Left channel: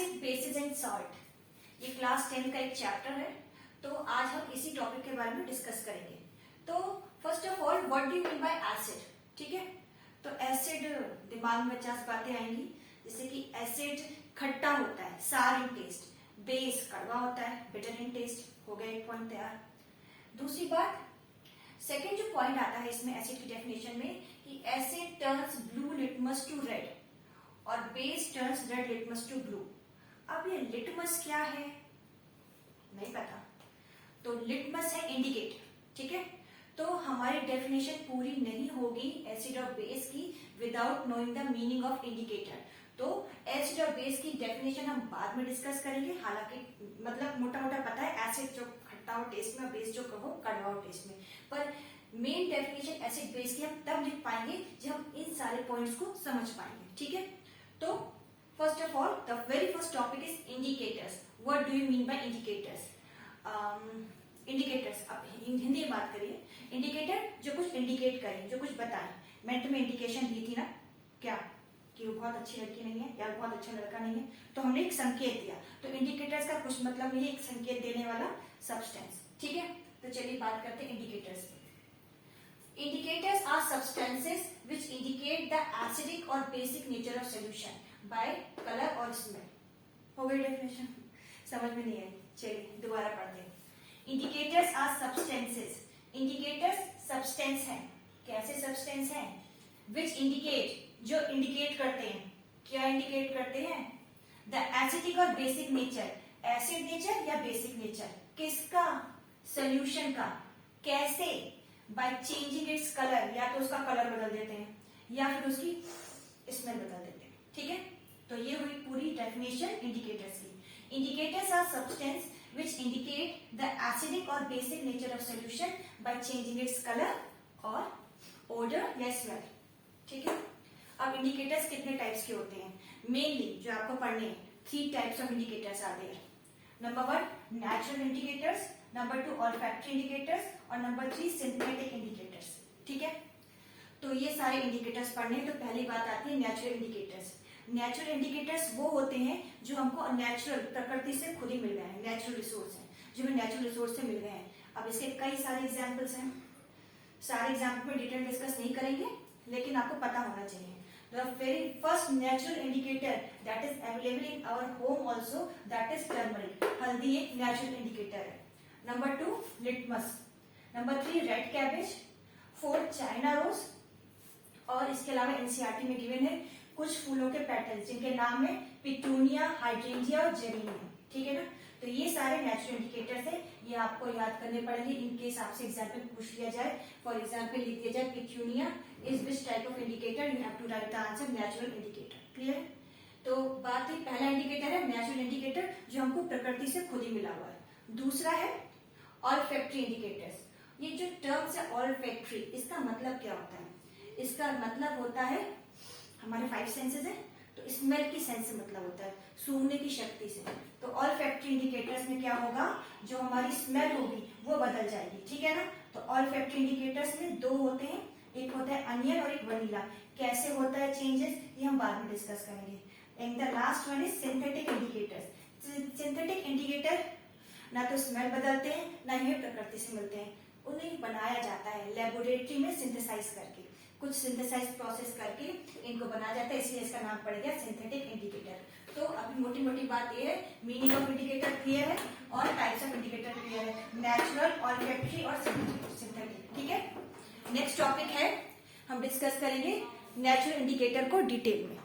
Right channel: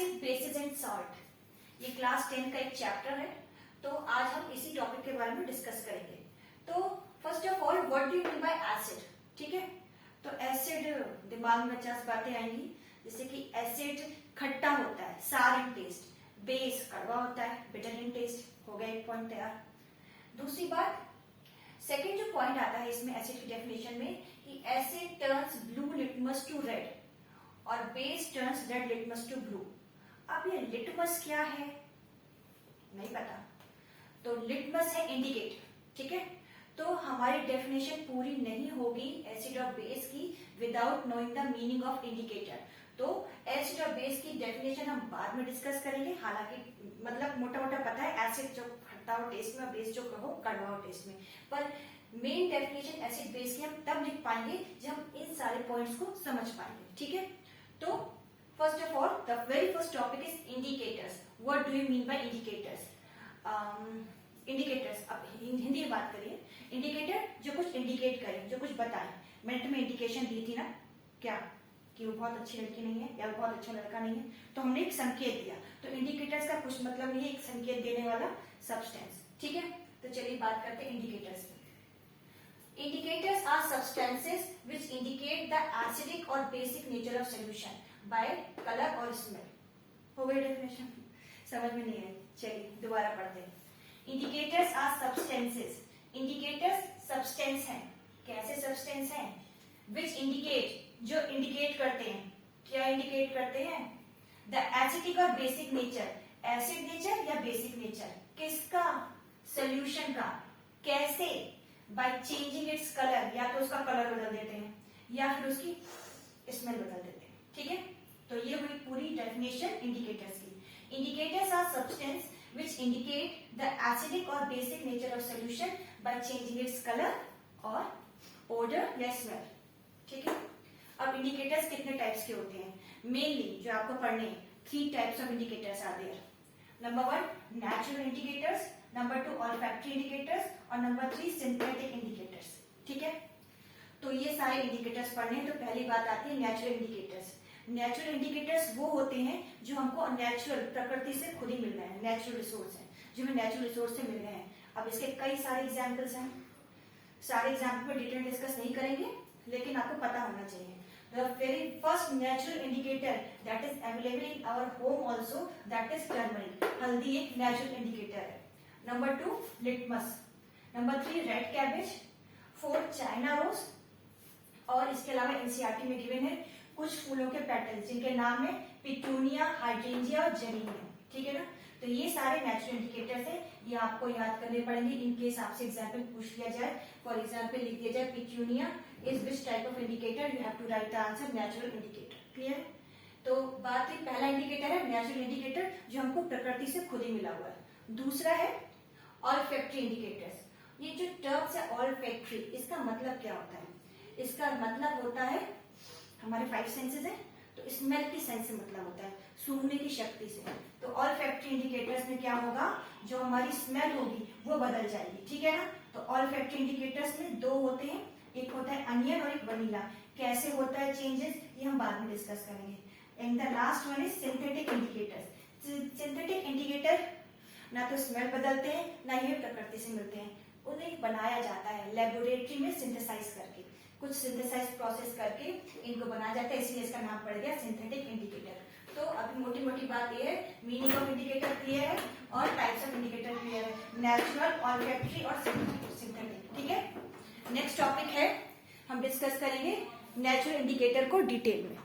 Acid, basis and salt, ये class 10 का एक चैप्टर है। तो आज हम इसी टॉपिक के बारे में डिस्कस करेंगे। तो first of all, what do you mean by acid? ठीक है, तो एसिड दिमाग में 50 बातें आएंगी, जैसे कि एसिड खट्टा होता है, सार इन टेस्ट। बेस कड़वा होता है, बिटर इन टेस्ट। हो गया एक पॉइंट तैयार। दूसरी बात, सेकेंड जो पॉइंट आता है इसमें एसिड की डेफिनेशन में, कि acid turns blue litmus to red और base turns red litmus to blue. अब ये लिटमस क्या है नहीं पता, तो लिटमस है इंडिकेटर। ठीक है, तो हमारी डेफिनेशन पूरी नहीं होगी एसिड और बेस की without knowing the meaning of indicator. तो एसिड और बेस की डेफिनेशन हम बाद में डिस्कस करेंगे। हालांकि मतलब मोटा मोटा पता है, एसिड जो खट्टा हो टेस्ट में और बेस जो कहो कड़वा हो टेस्ट में, पर मेन डेफिनेशन एसिड बेस की हम तब लिख पाएंगे जब हम इन सारे पॉइंट्स को समझ पाएंगे। ठीक है, तो first of all the very first topic is indicators. What do you mean by indicators? Indicators, अब हिंदी में बात करिए। इंडिकेटर जो कुछ इंडिकेट करें, जो कुछ बताएं। मैंने तुम्हें इंडिकेशन दी थी ना, क्या कि वो बहुत अच्छी लड़की नहीं है या बहुत अच्छा लड़का नहीं है, तो हमने एक संकेत दिया। तो इंडिकेटर्स का कुछ मतलब नहीं है, एक संकेत देने वाला सब्सटेंस। ठीक है, तो चलिए बात करते हैं इंडिकेटर्स की। Indicators are substances which indicate the acidic और basic nature of solution by colour और स्मेल। हो गई डेफिनेशन? समझ में नहीं आई? चलिए दोबारा पढ़ते हैं। Indicators are substances, indicators substance है। कैसे सब्सटेंस है? विच इंडिकेट, जो इंडिकेट करते हैं। क्या इंडिकेट करते हैं? द एसिडिक और बेसिक नेचर, एसिड नेचर या बेसिक नेचर किसका? सोल्यूशन का। कैसे? बाय चेंजिंग इट्स कलर, या तो उसका कलर बदल देते हैं या फिर उसकी स्मेल बदल देते हैं। ठीक है, तो ये हुई पूरी डेफिनेशन इंडिकेटर्स की। Indicators are substance which indicate the acidic or basic nature of solution by changing its color और odor या smell। ठीक है, अब इंडिकेटर्स कितने टाइप्स के होते हैं? मेनली जो आपको पढ़ने हैं, 3 types of indicators are there. Number 1 natural indicators, number 2 olfactory indicators और नंबर 3 सिंथेटिक इंडिकेटर्स। ठीक है, तो ये सारे इंडिकेटर्स पढ़ने हैं। तो पहली बात आती है नेचुरल इंडिकेटर्स। नेचुरल इंडिकेटर्स वो होते हैं जो हमको नेचुरल, प्रकृति से खुद ही मिल रहे हैं, नेचुरल रिसोर्स हैं, जो हमें नेचुरल रिसोर्स से मिल रहे हैं। अब इसके कई सारे एग्जांपल्स हैं, सारे एग्जांपल में डिटेल डिस्कस नहीं करेंगे, लेकिन आपको पता होना चाहिए। The very first natural indicator that is available in our home also, that is turmeric. हल्दी एक नेचुरल इंडिकेटर है। Number 2 litmus, number 3 red cabbage, 4 China rose, और इसके अलावा एनसीईआरटी में गिवन है कुछ फूलों के पेटल्स जिनके नाम है पिटूनिया, हाइड्रेंजिया और जेरेनियम। ठीक है ना, तो ये सारे नेचुरल इंडिकेटर्स है, ये आपको याद करने पड़ेंगे इन केस आपसे एग्जाम्पल पूछ लिया जाए। फॉर एग्जाम्पल लिख दिया जाए petunia is which type of indicator, you have to write the answer natural indicator. Clear? तो बात है, पहला इंडिकेटर है नेचुरल इंडिकेटर जो हमको प्रकृति से खुद ही मिला हुआ है। दूसरा है ऑल्फैक्टरी इंडिकेटर्स। ये जो टर्म्स है ऑल्फैक्टरी, इसका मतलब क्या होता है? इसका मतलब होता है हमारे 5 सेंसेस है, तो स्मेल की सेंस से मतलब होता है सूंघने की शक्ति से। तो ऑल्फैक्टरी इंडिकेटर्स में क्या होगा, जो हमारी स्मेल होगी वो बदल जाएगी। ठीक है ना, तो ऑल्फैक्टरी इंडिकेटर्स में 2 होते हैं, एक होता है अनियन और एक वनीला। कैसे होता है चेंजेस, ये हम बाद में डिस्कस करेंगे। And the last one is synthetic indicators. Synthetic indicator ना तो स्मेल बदलते हैं, ना ये प्रकृति से मिलते हैं, उन्हें बनाया जाता है लेबोरेटरी में सिंथेसाइज करके, कुछ सिंथेसाइज प्रोसेस करके इनको बनाया जाता है, इसलिए इसका नाम पड़ गया सिंथेटिक इंडिकेटर। तो अभी मोटी मोटी बात ये है, मीनिंग ऑफ इंडिकेटर क्लियर है और टाइप्स ऑफ इंडिकेटर क्लियर है, नेचुरल, ऑल्फैक्टरी और सिंथेटिक। ठीक है, नेक्स्ट टॉपिक है, हम डिस्कस करेंगे नेचुरल इंडिकेटर को डिटेल में।